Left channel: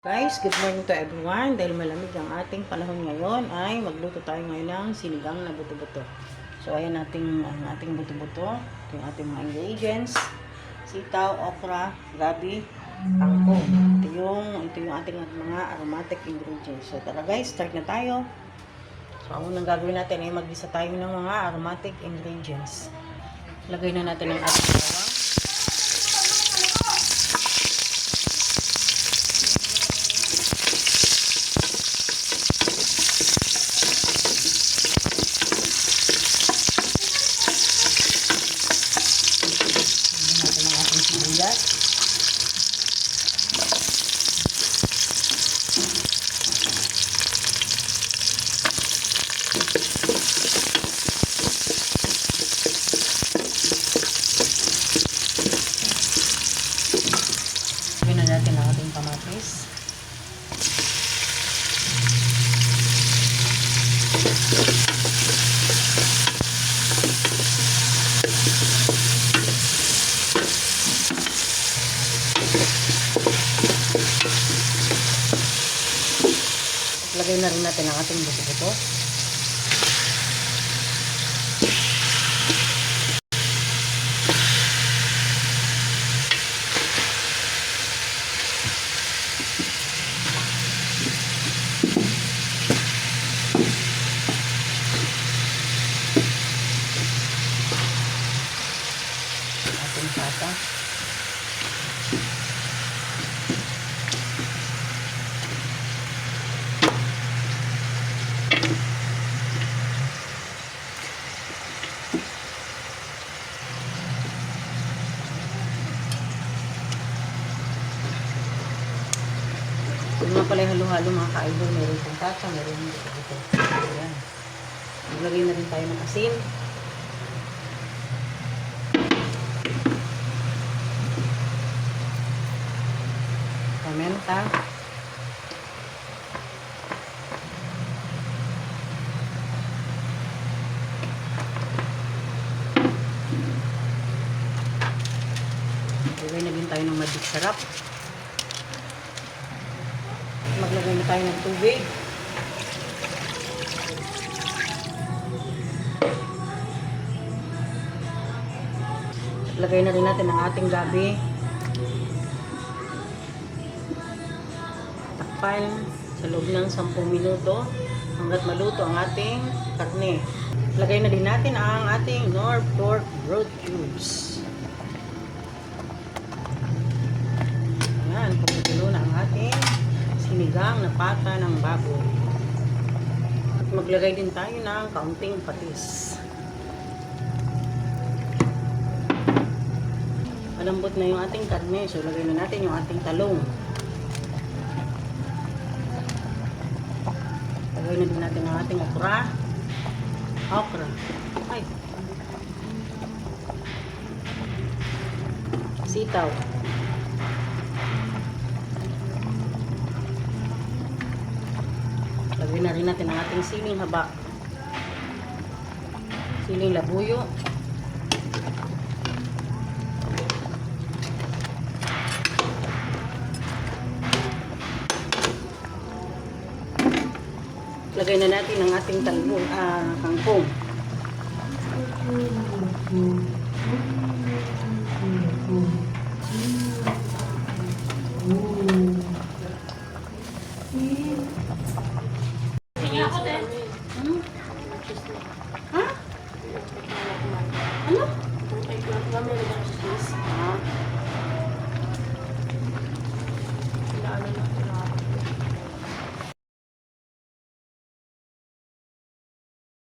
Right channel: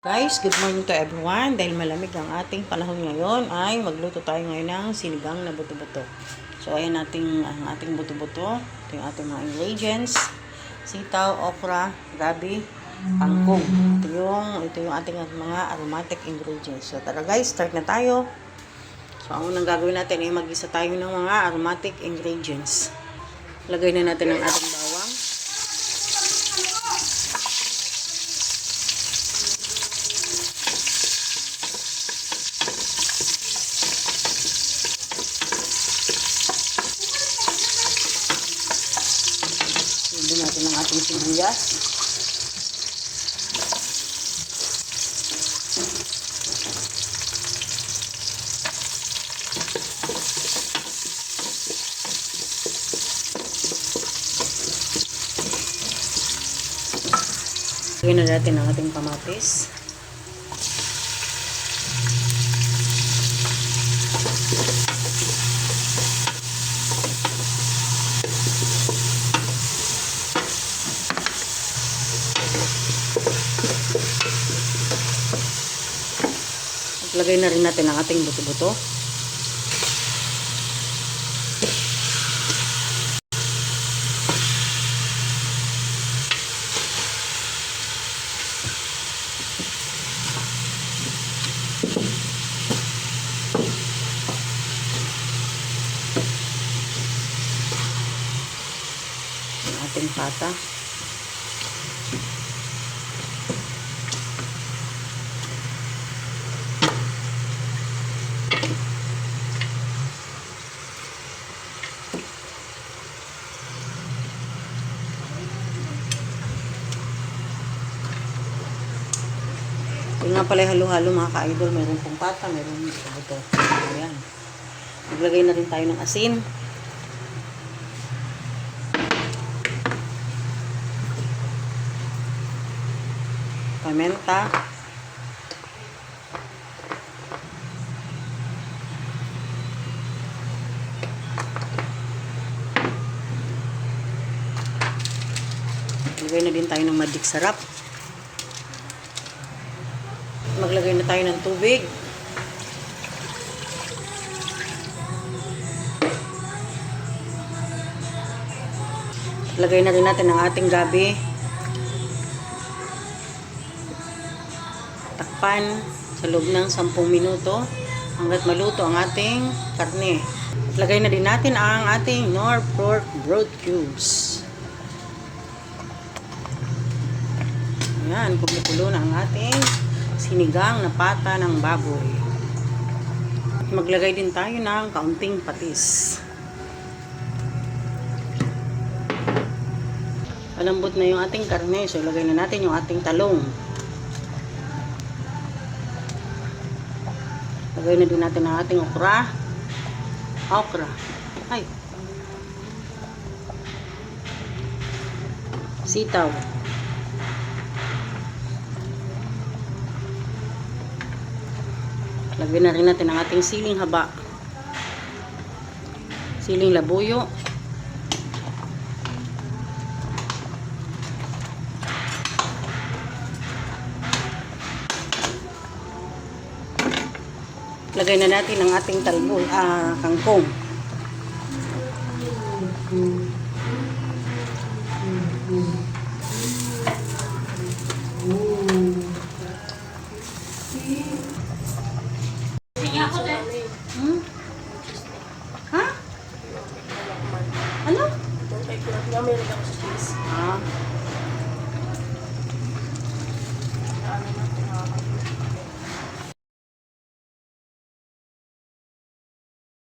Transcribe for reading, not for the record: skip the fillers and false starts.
Guys, good morning to everyone. Dahil malamig ang ating panahon ngayon, ay magluto tayo ngayon ng sinigang na buto-buto. So, ayan ang ating buto-buto. Ito yung ating mga ingredients. Sitaw, okra, gabi, kangkong. Ito yung ating mga aromatic ingredients. So, tara guys, start na tayo. So, ang unang gagawin natin ay mag-isa tayo ng mga aromatic ingredients. Lagay na natin ang ating bawang. Lagyan natin ang ating sibuyas. Lagyan na natin ang ating kamatis. Lagay na rin natin ang ating buto-buto. Ang ating pata. Yung nga pala halo-halo mga ka-idol, mayroon pong pata, mayroon buto. Ayan. Maglagay na rin tayo ng asin. Paminta. Maglagay na din tayo ng magic sarap. Maglagay na tayo ng tubig. Lagay na rin natin ang ating gabi. Takpan sa loob ng 10 minuto hanggat maluto ang ating karne. Lagay na din natin ang ating nor pork broth cubes. Ayan, kumukulo na ang ating sinigang na pata ng baboy. Maglagay din tayo ng kaunting patis. Malambot na yung ating karne, so lagay na natin yung ating talong. Lagay na din natin ang ating okra. Ay. Sitaw. Lagyan na rin natin ang ating siling haba. Siling labuyo. Lagay na natin ang ating kangkong.